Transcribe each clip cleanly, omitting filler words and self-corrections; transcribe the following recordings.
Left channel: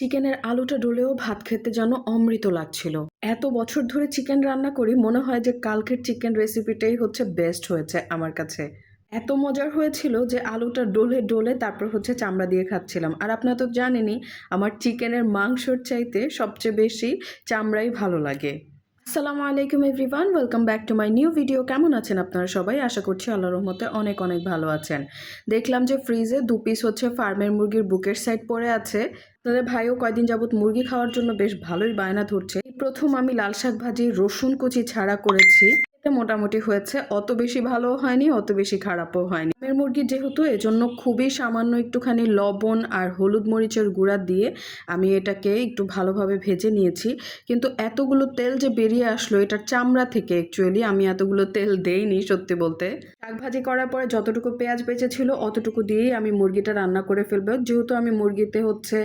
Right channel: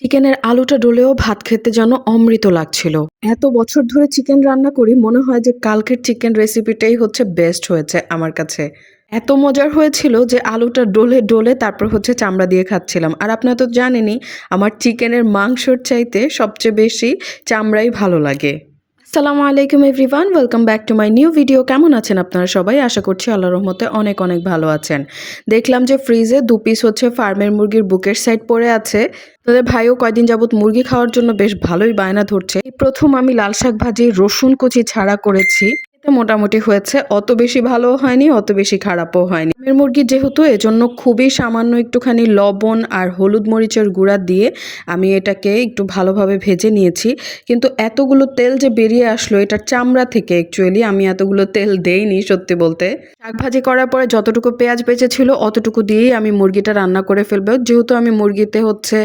চিকেনের আলুটা ডলেও ভাত খেতে যেন অমৃত লাগছিল। এত বছর ধরে চিকেন রান্না করি, মনে হয় যে কালকের চিকেন রেসিপিটাই হচ্ছে বেস্ট হয়েছে আমার কাছে। এত মজার হয়েছিল যে আলুটা ডলে ডলে তারপর হচ্ছে চামড়া দিয়ে খাচ্ছিলাম। আর আপনারা তো জানেনই, আমার চিকেনের মাংসর চাইতে সবচেয়ে বেশি চামড়াই ভালো লাগে। আসসালামু আলাইকুম everyone, welcome back to my new video. কেমন আছেন আপনারা সবাই? আশা করছি আল্লাহর রহমতে অনেক অনেক ভালো আছেন। দেখলাম যে ফ্রিজে 2 পিস হচ্ছে ফার্মের মুরগির বুকের সাইড পড়ে আছে। তোদের ভাইও কয়দিন যাবত মুরগি খাওয়ার জন্য বেশ ভালোই বায়না ধরছে। এই প্রথম আমি লাল শাক ভাজি রসুন কুচি ছাড়া করেছি। এতে মোটামুটি হয়েছে, অত বেশি ভালোও হয়নি, অত বেশি খারাপও হয়নি। ফার্মের মুরগি যেহেতু, এজন্য খুবই সামান্য একটুখানি লবণ আর হলুদ মরিচের গুঁড়া দিয়ে আমি এটাকে একটু ভালোভাবে ভেজে নিয়েছি। কিন্তু এতগুলো তেল যে বেরিয়ে আসলো এটার চামড়া থেকে, অ্যাকচুয়ালি আমি এতগুলো তেল দেইনি সত্যি বলতে। শাক ভাজি করার পরে যতটুকু পেঁয়াজ বেঁচেছিল অতটুকু দিয়েই আমি মুরগিটা রান্না করে ফেলবো। যেহেতু আমি মুরগিতে হচ্ছে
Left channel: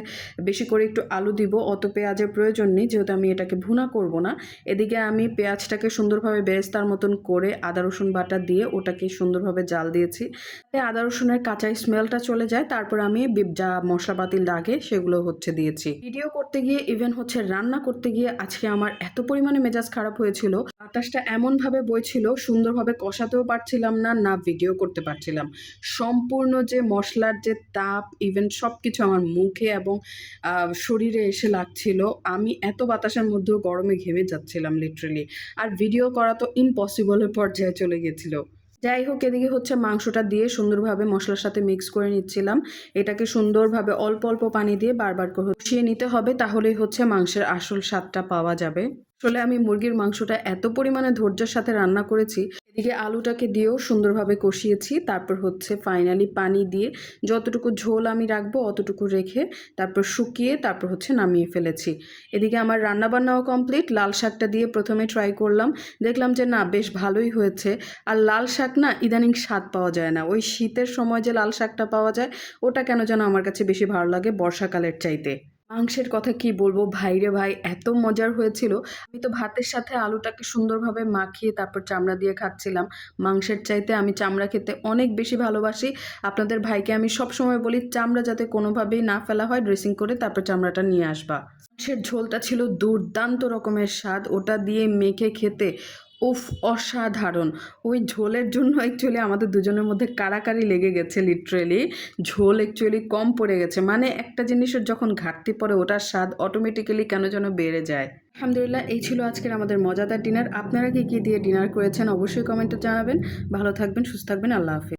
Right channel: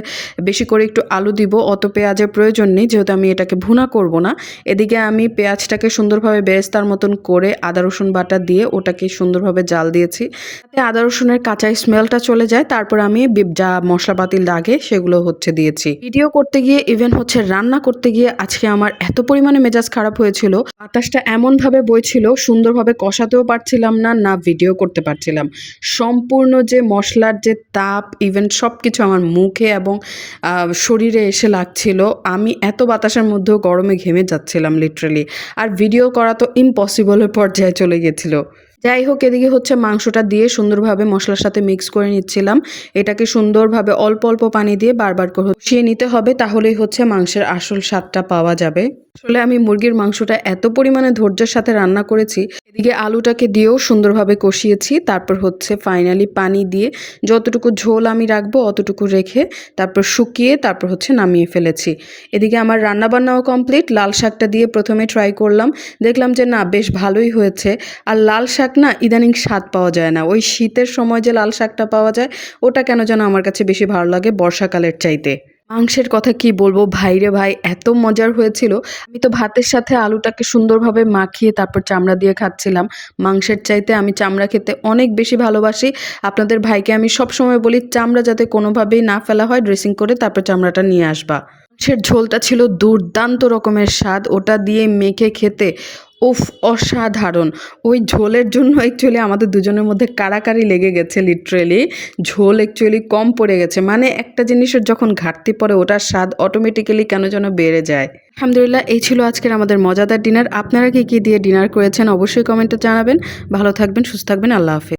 বেশি করে একটু আলু দিব, অত পেঁয়াজের প্রয়োজন নেই, যেহেতু আমি এটাকে ভুনা করব না। এদিকে আমি পেঁয়াজটাকে সুন্দরভাবে বেরেস্তার মতন করে আদা রসুন বাটা দিয়ে ওটাকে সুন্দরভাবে জাল দিয়েছি, যাতে আদা রসুনের কাঁচা স্মেলটা চলে যায়। তারপর আমি যা মশলাপাতি লাগে সেগুলো হচ্ছে দিয়েছি। ভিডিও করতে গিয়ে, ইভেন হচ্ছে রান্না করতে গিয়ে আজকে আমার এত পরিমাণে মেজাজ খারাপ হয়েছিল। বাতাসটা এমনভাবে বইছিল, সুন্দরভাবে কষাতেও পারছিলাম না, না ভিডিও করতে পারছিলাম। সম্পূর্ণ যে মশলার যে তাপ, ইভেন সব কিছু আমার মুখে এবং শরীরে এসে লাগছিল। আমি এত বাতাসের মধ্যেও গরমে ঘেমে যাচ্ছিলাম লিটারেলি। আর ভিডিও করা তো ইম্পসিবলের পর্যায়ে চলে গেছিলো। যাই হোক, এদিকে হচ্ছে মাংসটা দিয়ে সুন্দরভাবে মশলার সাথে মিক্স করে নিচ্ছিলাম। এটাকে সুন্দরভাবে অল্প অল্প পানি দিয়ে বারবার করে কষিয়ে নিতে হবে, তাহলেই হচ্ছে মাংসের আসল স্বাদটা পাওয়া যাবে। আসলে আমি মুরগির মাংসটা এত পরিমাণে ধৈর্যের সাথে রান্না করেছি। এদিকে আলুটাকে দিয়েও সুন্দরভাবে কষিয়েছি। তারপর হচ্ছে ফাইনালি পানি দিয়ে যতটুকু ঝোল আমি রাখবো অতটুকু রেখে তারপর শুকিয়ে তারপর হচ্ছে নামিয়ে ফেলেছি। এদিকে আমার রান্নাবান্নাও কমপ্লিট। লাল শাকটা দিয়ে প্রথমে ট্রাই করলাম, দেখলাম যে না, বেশ ভালোই হয়েছে। আর লাল শাক না ইদানিং স্বাদ পাওয়া যায় না। ওই শীতের সময় যে লাল শাকটা পাওয়া যায় ওটা কেন যেন আমার কাছে বেশি ভালো লাগে বর্ষাকালের চাইতে। মাংসের কথা কি বলবো ভাইরে ভাই, এত মজার হয়েছিল। আমি তো ভাতের সাথে আলুটাকে সুন্দরভাবে মাখিয়ে তারপর চামড়া দিয়ে খাচ্ছিলাম। মাংসের চাইতে আমি চামড়া খেতে অনেক বেশি ভালোবাসি। আপনাদের ভাইকে আমি সবসময় বলি চামড়া যাতে কোনোভাবেই না ফেলা হয়, ড্রেসিং করে তারপর চামড়াটা নিয়ে আসবা। মাংসের ঝোলটা ছিল দুর্দান্ত রকমের স্বাদ, ওটা দিয়ে মেখে খেতে উফ, অসাধারণ। ওই ঝোলের জন্য অ্যাকচুয়ালি আমাদের দুজনের মধ্যে কাড়াকাড়ি লেগে গেছে লিটারেলি। ঝোল অ্যাকচুয়ালি কম পড়ে গেছে, মানে একটা জিনিসের যখন ঘাটতি পড়ে ওটার স্বাদ অটোমেটিক্যালি কেন যেন বেড়ে যায়। আলহামদুলিল্লাহ, এই ছিল আজকের আমাদের মজাদার ডিনার। আপনারা কি কি দিয়ে ডিনার করেছেন অবশ্যই কমেন্টে জানাবেন। ভালো থাকবেন, সুস্থ থাকবেন, আল্লাহ হাফেজ।